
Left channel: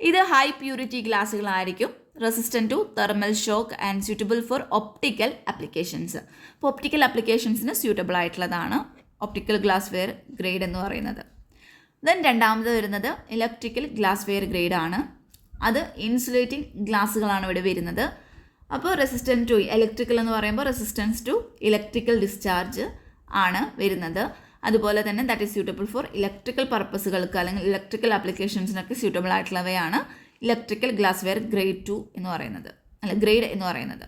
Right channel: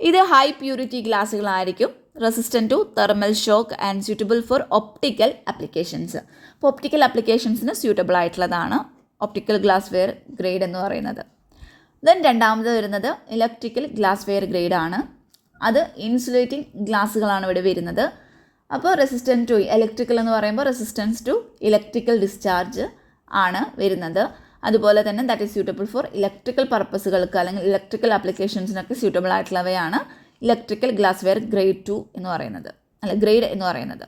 ഇത് ഹൈ പ്യൂരിറ്റി ഗ്ലാസ്സുകളായിരിക്കും, resistant to thermal shock and suitable four optical applications. അപ്പോൾ ഒപ്റ്റിക്കൽ ആപ്ലിക്കേഷൻസിന് സ്യൂട്ടബിൾ ആയിട്ടുള്ളതാണ് ഒപ്റ്റിക്കൽ ഗ്ലാസ് വെയർ ഗ്രേഡ് എന്ന് പറയുന്നത്. ദെൻ രണ്ടാമത് വരുന്നത് ഇലക്ട്രിക്കൽ ഗ്ലാസ് വെയർ ഗ്രേഡാണ്. അത് ഇൻസുലേറ്റിംഗ് ഗ്ലാസ്സുകളാണ് ഇവിടെ വരുന്നത്. അപ്പോൾ റെസിസ്റ്റൻറ്റ് ടു ഇലക്ട്രിക്കൽ എന്ന് പറയുമ്പോൾ റെസിസ്റ്റൻസ് ടു ഇലക്ട്രിക്കൽ ഡിസ്ചാർജ് ആണ് വരുന്നത്. അതുപോലെ തന്നെ that is suitable for electrical പർപ്പസുകൾക്ക് അല്ലെങ്കിൽ ഇലക്ട്രിക്കൽ ആപ്ലിക്കേഷൻസിനൊക്കെ സ്യൂട്ടബിൾ ആയിട്ടുള്ളവയാണ് ഇലക്ട്രിക്കൽ ഗ്ലാസ് വെയർ ഗ്രേഡ് 2 എന്ന് പറയുന്നത്, ഗ്രേഡ് എന്ന് പറയുന്നത്.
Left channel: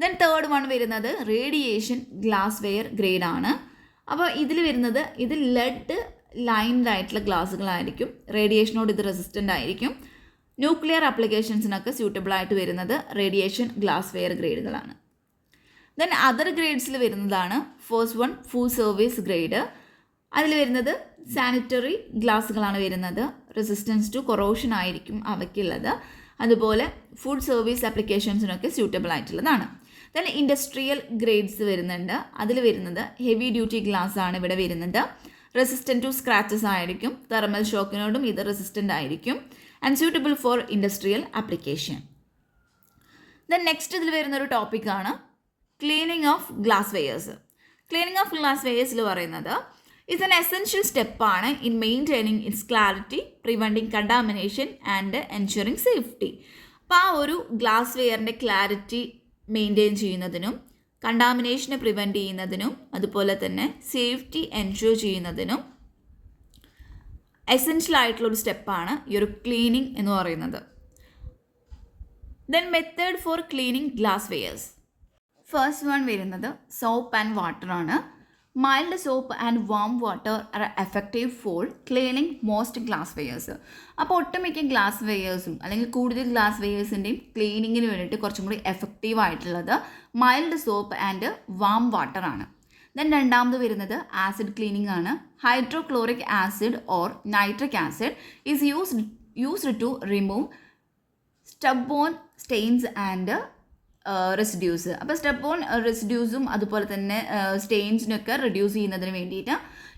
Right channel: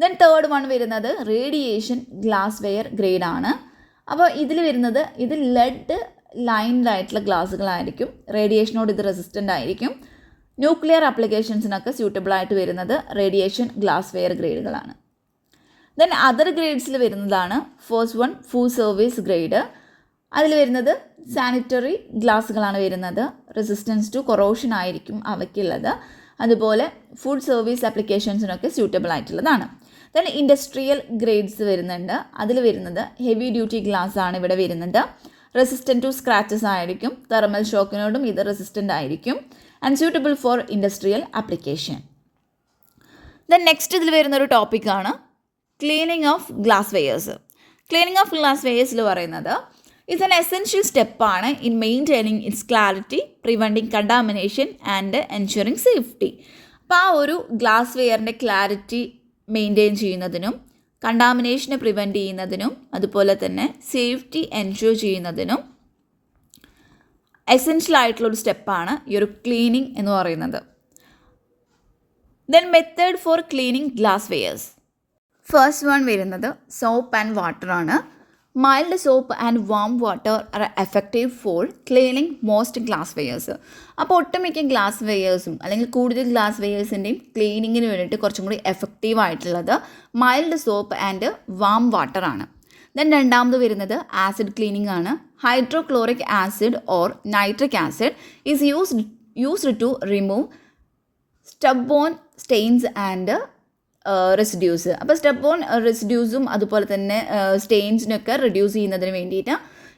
ദെൻ തേർഡ് വൺ വരുന്നത് റേഡിയേഷൻ ഗ്ലാസ് വെയർ ഗ്രേഡ് ആണ്. അപ്പോൾ ഇതിൽ വരുന്നത് ഇത് ലെഡ് ലൈൻഡ് ആയിട്ടുള്ള ഗ്ലാസ്സുകളായിരിക്കും, റേഡിയേഷനോട് ഇത് റെസിസ്റ്റൻ്റ് ആയിരിക്കും. ന്യൂക്ലിയർ ആപ്ലിക്കേഷൻസിനൊക്കെ സ്യൂട്ടബിൾ ആയിട്ട് വരുന്നത് റേഡിയേഷൻ ഗ്ലാസ് വെയർ ഗ്രേഡുകളാണ്. ദെൻ അതർ ഗ്രേഡ്സിൽ വരുന്നതാണ് first one food service grade. അതിൽ വരുന്നത് സാനിറ്ററി ഗ്ലാസ്സുകളാണ് വരുന്നത്, റെസിസ്റ്റൻസ് ടു കൊറോഷൻ ആയിരിക്കും അവയ്ക്കുള്ളത്. അതുപോലെ ഫുഡ് സർവീസ് ആപ്ലിക്കേഷൻസിനൊക്കെ സ്യൂട്ടബിൾ ആയിട്ടുള്ളതാണ്. ദെൻ ഇൻഡസ്ട്രിയൽ ഗ്രേഡ്സ് വരുന്നുണ്ട്. അതിൽ വരുന്നത് ഹെവി ഡ്യൂട്ടി ഗ്ലാസ് ആണ് ഇവിടെ വരുന്നത്, റെസിസ്റ്റൻറ്റ് ടു സ്ക്രാച്ചസ് ആയിരിക്കും, തെർമൽ ഷോക്കിനോടും ഇത് റെസിസ്റ്റൻ്റ് ആയിരിക്കും and suitable for industrial application. Then next ഇതിൽ വരുന്നൊരു ടോപ്പിക്കാണ് cleaning of glass wares. Cleaning of glass വെയേഴ്സിൽ പറയുന്നത് ഇറ്റ്സ് ആൻ എസെൻഷ്യൽ സ്റ്റെപ്പാണ് in maintaining its clarity, preventing contamination and ensuring safety. അപ്പോൾ ആ ഒരു ഗ്ലാസ് വെയറിൻ്റെ ക്ലാരിറ്റി മെയിൻറ്റെയിൻ ചെയ്യുന്നതിനും കണ്ടാമിനേഷനെ പ്രിവെൻറ്റ് ചെയ്യുന്നതിനും അതുപോലെ തന്നെ സേഫ്റ്റി എൻഷുർ ചെയ്യുന്നതിനും എസെൻഷ്യൽ ആയിട്ടുള്ളൊരു സ്റ്റെപ്പാണ് ഈ ഒരു ക്ലീനിങ് എന്ന് പറയുന്നത്. Then method for cleaning glass wares. First one വരുന്നത് സോപ്പ് ആൻഡ് വാട്ടർ ആണ്. Mild soap and warm water are effective for cleaning most glass wares. അപ്പോൾ ഒട്ടുമിക്ക ഗ്ലാസ് വെയേഴ്സും അല്ലെങ്കിൽ കൂടുതൽ ഗ്ലാസ് വെയേഴ്സിൻ്റെയും ക്ലീനിങ്ങിന് വേണ്ടിയിട്ട് കുറച്ചും കൂടി എഫക്റ്റീവ് ആയിട്ടുള്ളത് mild soap and warm water ആണ്. ദെൻ രണ്ടാമത് വരുന്നത് ആസിഡ് ക്ലീനിങ് ആണ്. Hydrochloric acid or nitric acid is used to remove stubborn stains and residues. അപ്പോൾ സ്റ്റബ്ബോൺ റെസിഡ്യൂസും അതുപോലെ തന്നെ സ്റ്റെയിൻസിനൊക്കെ റിഡ്യൂസ് ചെയ്യുന്നതിന് വേണ്ടിയിട്ട്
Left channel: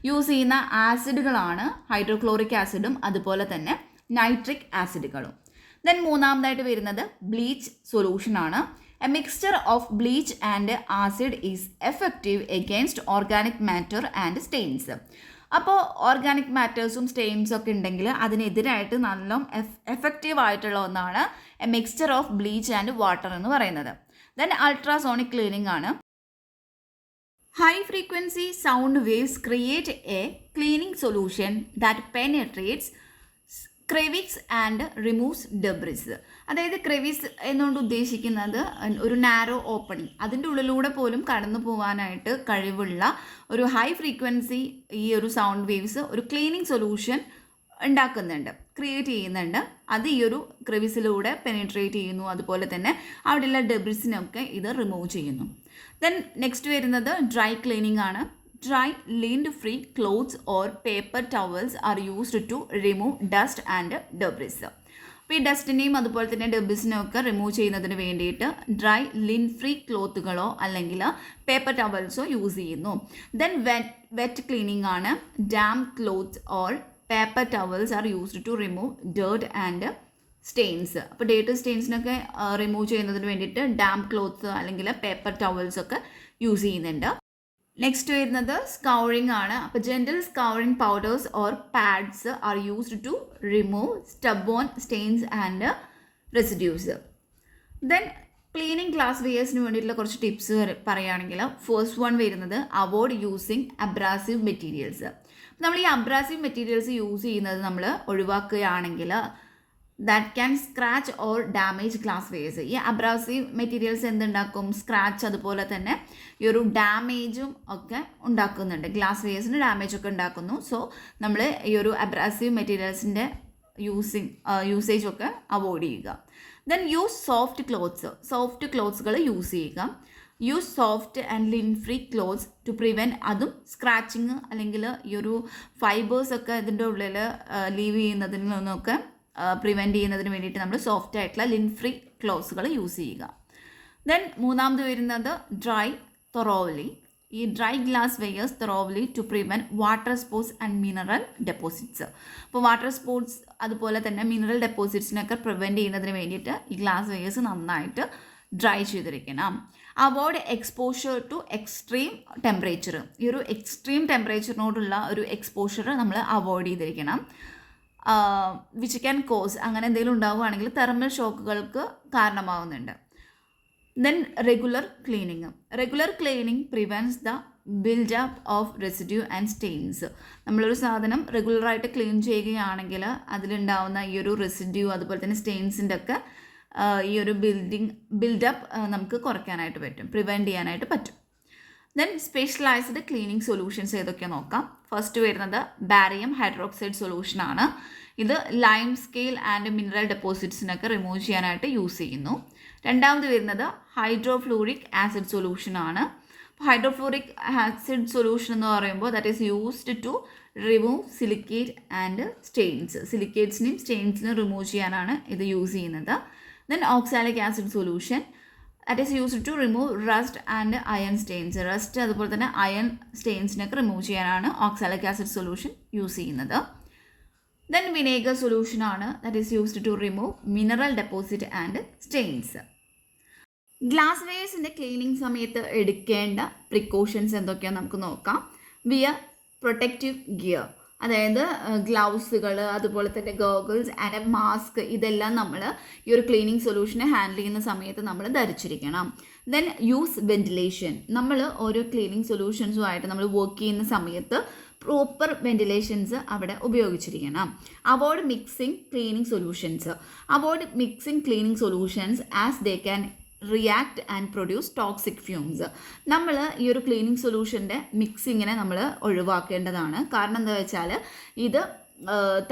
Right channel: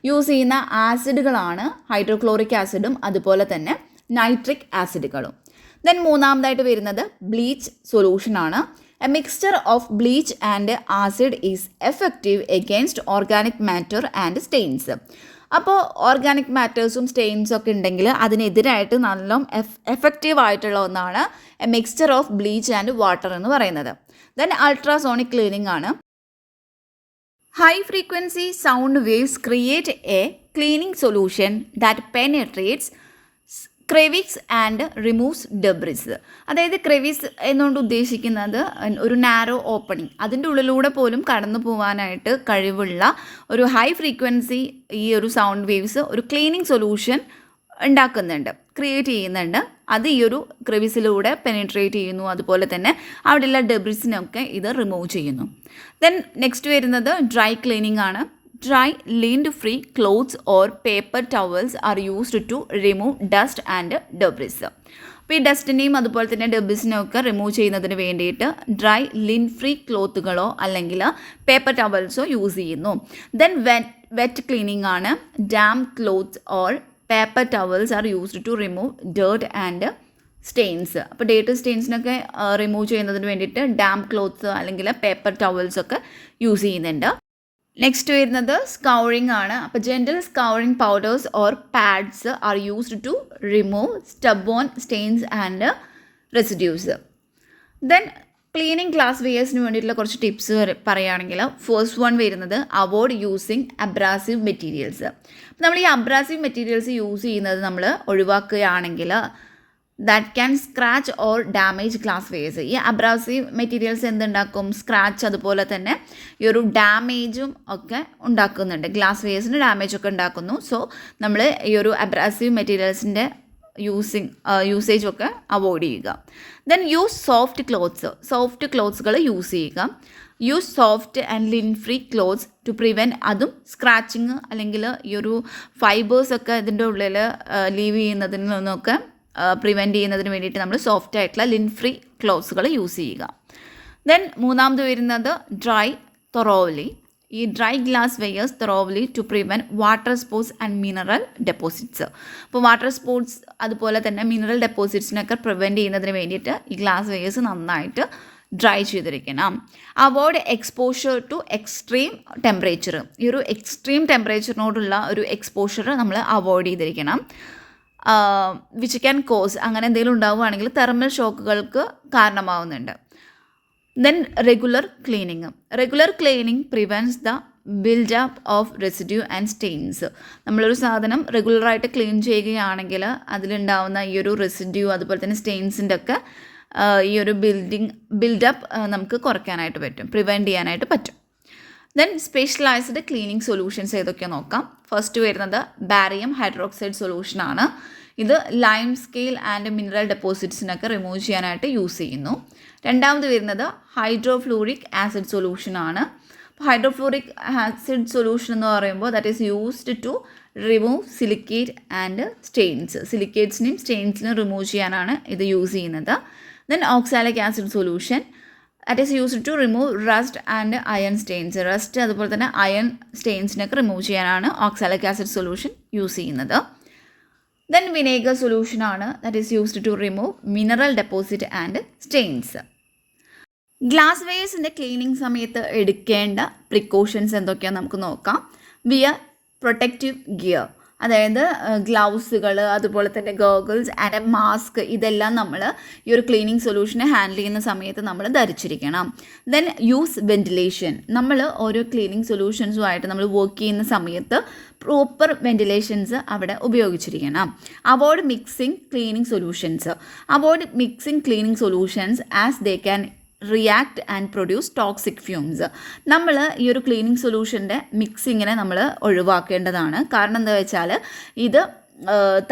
യൂസ് ചെയ്യുന്ന ആസിഡുകളാണ് ഹൈഡ്രോക്ലോറിക് ആസിഡും അതുപോലെ തന്നെ നൈട്രിക് ആസിഡുകളും. ദെൻ മൂന്നാമതായിട്ട് വരുന്നത് ബ്ലീച്ച് സൊല്യൂഷനാണ്. A mixture of bleach and acid is effective against organic matter and stains. അപ്പോൾ ഓർഗാനിക് മാറ്റേഴ്സും സ്റ്റെയിൻസും ഒക്കെ ഉണ്ടെങ്കിൽ അതിനെതിരായിട്ട് നല്ല എഫക്റ്റീവ് ആയിട്ടുള്ള ഒന്നാണ് a mixture of bleach and water എന്ന് പറയുന്നത്. ദെൻ അൾട്രാസോണിക് ക്ലീനിങ് ആണ്. High frequency sound waves create a cleaning solution that penetrates crevices and removes debris. അതായത് ക്രെവിസ് എന്നുകൊണ്ട് ഉദ്ദേശിക്കുന്നത് ഒരു നാരോ ഓപ്പണിങ്, അതിൻ്റെ ഉള്ളിലൂടെ പോലും കടന്നു പോകാനായിട്ട് കഴിവുള്ള ഒരു ഹൈ ഫ്രീക്വൻസി ഈ ഒരു സൗണ്ട് വേവ്സ് ഒരു ക്ലീനിങ് സൊല്യൂഷൻ ഉണ്ടാക്കുന്നുണ്ട്, ക്രിയേറ്റ് ചെയ്യുന്നുണ്ട്. അത് ഈ ഒരു ക്രെവിസിലൂടെ പെനിട്രേറ്റ് ചെയ്യുന്നു, അതുപോലെ തന്നെ അവിടെയുള്ള ഡെബ്രിസിനൊക്കെ ഇത് റിമൂവ് ചെയ്യുന്നു. ദെൻ നെക്സ്റ്റ് വരുന്നത് ഡ്രൈ ക്ലീനിങ് ആണ്. Dry, lint-free clothes or paper towels are used to remove dust and debris. അപ്പോൾ ഈ ഡസ്റ്റിനെയും അതുപോലെ തന്നെ ഡെബ്രിസിനെയും ഒക്കെ റിമൂവ് ചെയ്യുന്നതിന് വേണ്ടിയിട്ട് ഡ്രൈ ലിൻറ്റ് ഫ്രീ ക്ലോത്തുകളോ അല്ലെങ്കിൽ പേപ്പർ ടവൽസോ യൂസ് ചെയ്യുന്നു. ദെൻ വെറ്റ് ക്ലീനിങ് ആണ്. Damp cloths or paper towels are used to remove dirt and stains. അപ്പോൾ ഡേർട്ട് സ്റ്റെയിൻസിനൊക്കെ റിമൂവ് ചെയ്യുന്നതിന് വേണ്ടിയിട്ട് ഡാം ക്ലോത്ത്സ് അല്ലെങ്കിൽ പേപ്പർ ടവൽസ് ഒക്കെ യൂസ് ചെയ്യുന്നുണ്ട്. നെക്സ്റ്റ് വരുന്നത് സ്കൗറിങ് ആണ്. അപ്പോൾ gentle scouring powders or pads are used to remove stubborn stains and residues. Then cleaning glass വെയേഴ്സിന് വേണ്ടിയിട്ടുള്ള കുറച്ച് ടിപ്സ് പറയുകയാണെങ്കിൽ ഫസ്റ്റ് വൺ വരുന്നത് അവോയ്ഡ് യൂസിങ് അബ്രാസീവ് മെറ്റീരിയൽസ്. നമ്മൾ ഈ അബ്രാസീവ് മെറ്റീരിയൽസ് യൂസ് ചെയ്യുന്നത് നമ്മൾ ഒഴിവാക്കുകയാണെങ്കിൽ that can scratch or damage glass wares. ഈ അബ്രാസീവ് മെറ്റീരിയൽസ് എന്തുണ്ടാക്കും? സ്ക്രാച്ച് അതുപോലെ തന്നെ ഈ ഒരു ഡാമേജും ഒക്കെ ഉണ്ടാക്കുന്നുണ്ട്, ഗ്ലാസ് വെയേഴ്സിന് ഡാമേജ് ഒക്കെ ഉണ്ടാക്കുന്നു. സോ നമ്മൾ ഈ ഒരു അബ്രാസീവ് മെറ്റീരിയൽസിൻ്റെ യൂസേജൊക്കെ അവോയ്ഡ് ചെയ്യുക. ദെൻ യൂസ് സോഫ്റ്റ് ക്ലോത്ത്സുകൾ യൂസ് ചെയ്യുക. Use soft and lint free cloths to prevent, അതും സ്ക്രാച്ചിങ് അല്ലെങ്കിൽ ഈ ഒരു ഫൈബേഴ്സൊക്കെ ഇതിൻ്റെ ഉള്ളിൽ ലീവ് ചെയ്യുന്നതിൽ നിന്നൊക്കെ പ്രിവെൻറ്റ് ചെയ്യുന്നതിന് വേണ്ടിയിട്ട് നമ്മൾ സോഫ്റ്റ് ആയിട്ടുള്ള ലിൻറ്റ് ഫ്രീ ക്ലോത്ത്സുകൾ യൂസ് ചെയ്യുക. ദെൻ മൂന്നാമത് വരുന്നത് ഡ്രൈ thoroughly. ഈ dry glass wares thoroughly to prevent water spots and mineral deposits. അപ്പോൾ വാട്ടർ സ്പോർട്സ് അതുപോലെ തന്നെ മിനറൽ ഡെപ്പോസിറ്റ്സിനൊക്കെ പ്രിവെൻറ്റ് ചെയ്യുന്നതിന് വേണ്ടിയിട്ട് ഈ ഗ്ലാസ് വെയേഴ്സ് നന്നായിട്ട് ഡ്രൈ ചെയ്തിരിക്കണം. Avoid exposure to extreme temperature. ഈ ഒരു എക്സ്ട്രീം ടെമ്പറേച്ചറിനോടുള്ള ഒരു എക്സ്പോഷർ നമ്മൾ അവോയ്ഡ് ചെയ്തിരിക്കണം. വിച്ച് ക്യാൻ കോസ്, അങ്ങനെ എന്തെങ്കിലും ഉണ്ടാവുകയാണെങ്കിൽ തെർമൽ ഷോക്കുകൾക്ക് കാരണമാവുന്നുണ്ട്. Then regular cleaning. Regular cleaning prevents the build up of residue and stains. നമ്മളൊരു സാധനം റെഗുലറായിട്ട് ക്ലീൻ ചെയ്യുകയാണെങ്കിൽ അതിലുണ്ടാവുന്ന ഈ ഒരു റെസിഡ്യൂ അതുപോലെ തന്നെ സ്റ്റെയിൻസിൻ്റെ ഒക്കെ ഈ ഒരു ബിൽഡപ്പ് നമുക്ക് കുറയ്ക്കാനായിട്ട് പറ്റും, പ്രിവെൻറ്റ് ചെയ്യാനായിട്ട് പറ്റും. ദെൻ സ്പെഷ്യലൈസ്ഡ് ക്ലീനിങ് സൊല്യൂഷൻസ് ഏതൊക്കെയാണ് നോക്കാം. ഫസ്റ്റ് വരുന്നത് ബാരിയം ഹൈഡ്രോക്സൈഡ് സൊല്യൂഷനാണ്. ഇത് ലൈം സ്കെയിൽ ആൻഡ് മിനറൽ ഡെപ്പോസിറ്റ്സിനൊക്കെ റിമൂവ് ചെയ്യാനായിട്ട് യൂസ് ചെയ്യുന്നു. രണ്ടാമത് വരുന്നത് ഹൈഡ്രോഫ്ലൂറിക് ആസിഡ് സൊല്യൂഷനാണ്. ഹൈഡ്രോഫ്ലൂറിക് ആസിഡ് സൊല്യൂഷൻ എന്ന് പറയുമ്പോൾ that is used to remove silicate and stains. സിലിക്കേറ്റ്സിനെയും സ്റ്റെയിൻസിനെയും റിമൂവ് ചെയ്യാനാണ് ഇത് യൂസ് ചെയ്യുന്നത്. Then oxalic acid solution that is used to remove rust and iron stains. Rust അതുപോലെ തന്നെ അയൺ സ്റ്റെയിൻസിനൊക്കെ റിമൂവ് ചെയ്യാനാണ് ഓക്സാലിക് ആസിഡ് സൊല്യൂഷൻ യൂസ് ചെയ്യുന്നത്. ദെൻ വിനേഗർ സൊല്യൂഷനാണ് that is used to remove mineral deposit and stains. Glass വെയേഴ്സിൻ്റെ cleaning സമയത്ത് എടുക്കേണ്ട precautions എന്തൊക്കെയാണെന്ന് നമുക്ക് നോക്കാം. വിയർ പ്രൊട്ടക്റ്റീവ് ഗിയർ, അതായത് ഗ്ലൗസുകൾ അതുപോലെ തന്നെ ഗോഗിൾസ് ആൻഡ് മാസ്ക്, ഇതെല്ലാം നമ്മൾ ഈ ഒരു ക്ലീനിങ് സൊല്യൂഷനെ ഹാൻഡിൽ ചെയ്യുന്ന സമയത്ത് നമ്മൾ ധരിച്ചിരിക്കണം. Then use ventilation. നമ്മൾ ഓരോ ക്ലീനിങ് സൊല്യൂഷൻസുമായിട്ട് നമ്മൾ വർക്ക് ചെയ്യുന്ന സമയത്ത് പ്രോപ്പർ വെൻറ്റിലേഷൻസ് അവിടെ ഉപയോഗിച്ചിരിക്കണം. Avoid mixing cleaning solutions. Avoid mixing cleaning solutions as they can react and produce toxic fumes. നമ്മൾ ഈ ഒരു ക്ലീനിങ് സൊല്യൂഷൻ്റെ മിക്സിങ്ങിനെ നമ്മൾ ഒഴിവാക്കേണ്ടതാണ്. കാരണം എന്താ വെച്ചാൽ ഇത്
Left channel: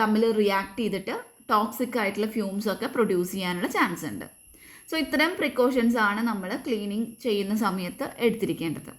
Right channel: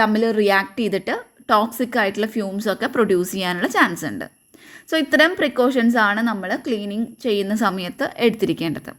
തമ്മിൽ റിയാക്ട് ചെയ്തിട്ട് ടോക്സിക് ആയിട്ടുള്ള ഫ്യൂംസൊക്കെ പ്രൊഡ്യൂസ് ചെയ്യാനുള്ള ചാൻസ് ഉണ്ട്. സോ ഇത്തരം പ്രിക്കോഷൻസ് ആണ് നമ്മൾ ക്ലീനിങ് ചെയ്യുന്ന സമയത്ത് എടുത്തിരിക്കേണ്ടത്.